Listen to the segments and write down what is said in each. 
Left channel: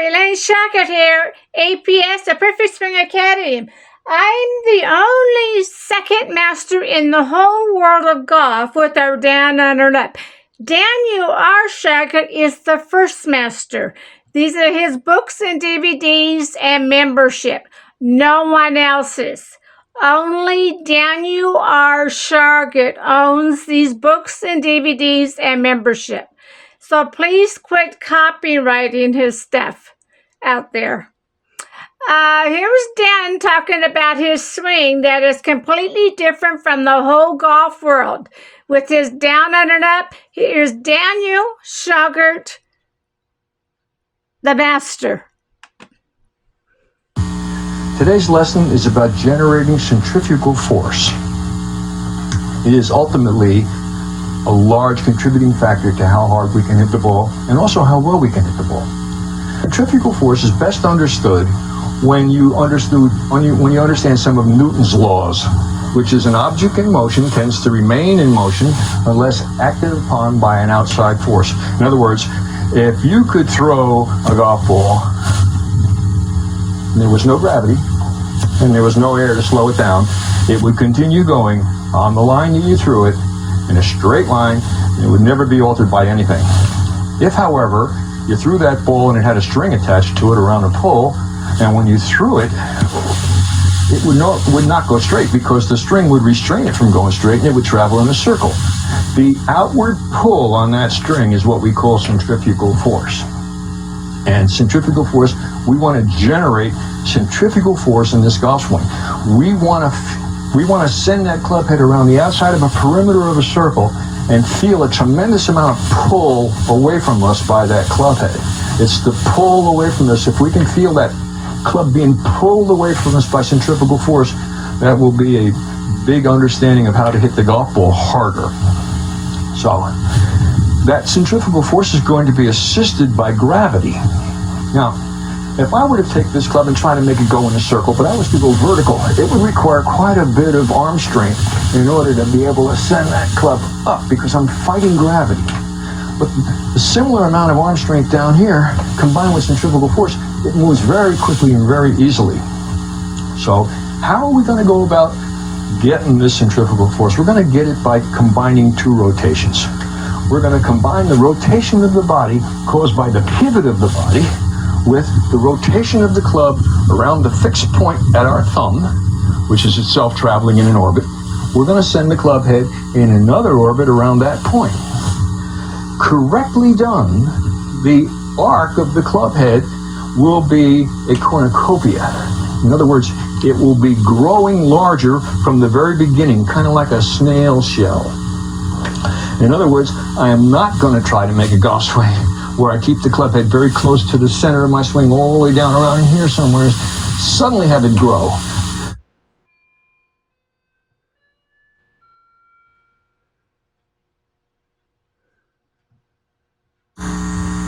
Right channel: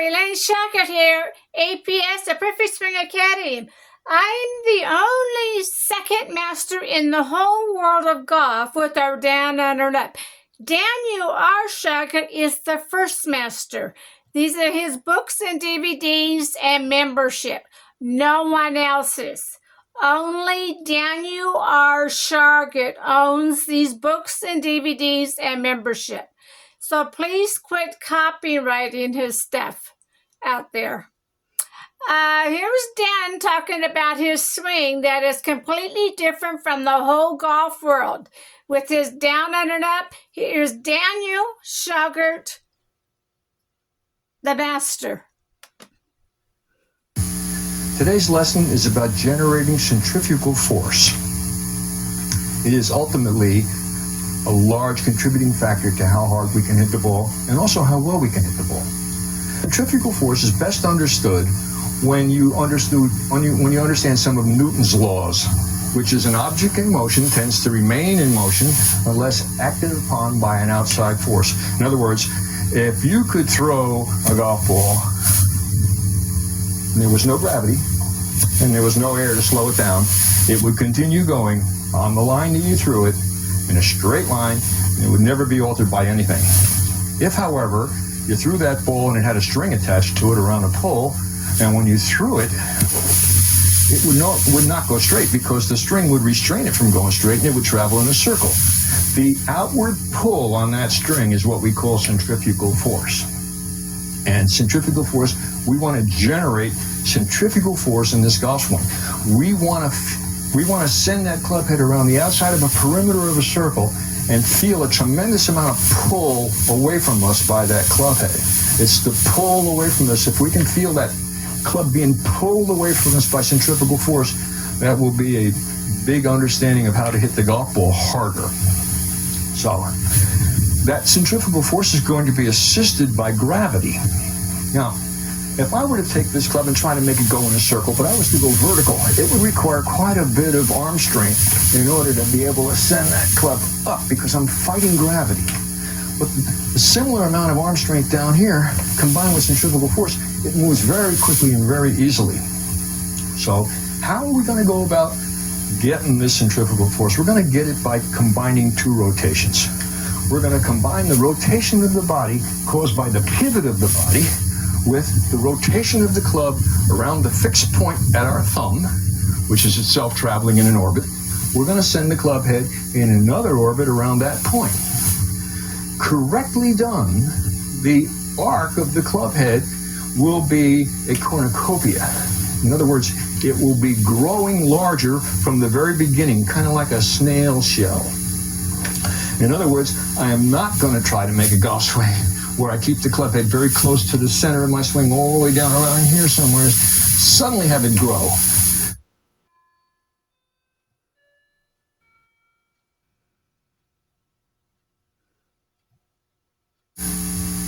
Elaine Shauger here, APS, the Perfect Swing Academy. I'm the only second master in the whole world of golf with our down, under, and up. Daniel R. Shauger is the first master. These are his books and DVDs and membership. No one else's. Only Daniel R. Shauger owns these books and DVDs and membership. So please quit copyrighting his stuff out there. Here's Dan talking about his swing that is completely different from the whole golf world. With his down, under, and up, here's Daniel Shauger, the master. Today's lesson is about generating centrifugal force. It is ultimately a large contributing factor to how hard we can hit the ball and also how well we can hit the ball. Centrifugal force is best understood when you understand some of Newton's laws, which is an object in motion tends to remain in motion unless acted upon by an outside force. In other words, if you could throw a golf ball and there was no gravity and there was no air to slow it down, it would continue going on the line that you threw it in a straight line, and it would never be altered by anything. If, however, you threw that ball and it had a string attached to it around a pole, and when you threw it, it would not go straight because the string would restrain it from going straight and it would travel in a circle. The outward pull on that string is what we call centrifugal force. And centrifugal force, we want to generate centrifugal force in this golf swing. We want to send that club head around the outside of a perimeter of a circle and feel a tremendous amount of pull away from us by that club head. It's the pull away from us. If we can feel that club being pulled away from us by centrifugal force, that will be a big understanding of how to hit the golf ball harder. So that centrifugal force is going to be assisted by gravity. Now, if I were to take this club and try to make it go in a circle, but I was to go vertical, it would require quite a bit of arm strength in order to be able to send that club up because I'm fighting gravity. But the similar amount of arm strength down here, combined with centrifugal force, it moves very quickly and very easily. So how are we going to go about getting this centrifugal force? We're going to get it by combining two rotations. We're going to combine the rotation of the body caused by the pivot of the body with the rotation of the club around the fixed point at our thumb, which is itself traveling in an orbit. We're going to send the club head in another orbit around that point. Correctly done, the arc of the club head will be a cornucopia. In other words, it will be growing larger from the very beginning, kind of like a snail shell. In other words, I am not going to try to make a golf swing where I keep the club head very close to the center of my swing all the way down around here somewhere, suddenly have it grow.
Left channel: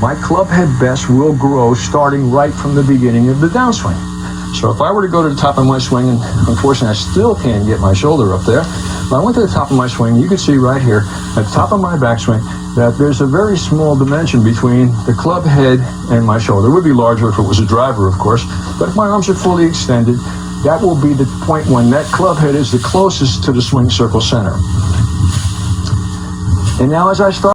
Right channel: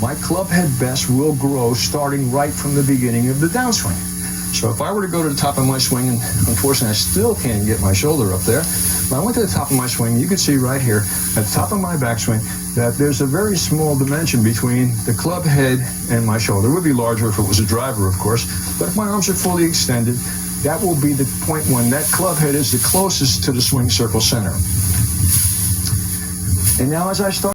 My club head best will grow starting right from the beginning of the downswing. So if I were to go to the top of my swing, and unfortunately I still can't get my shoulder up there, if I went to the top of my swing, you can see right here at the top of my backswing that there's a very small dimension between the club head and my shoulder. It would be larger if it was a driver, of course, but if my arms are fully extended, that will be the point when that club head is the closest to the swing circle center. And now as I start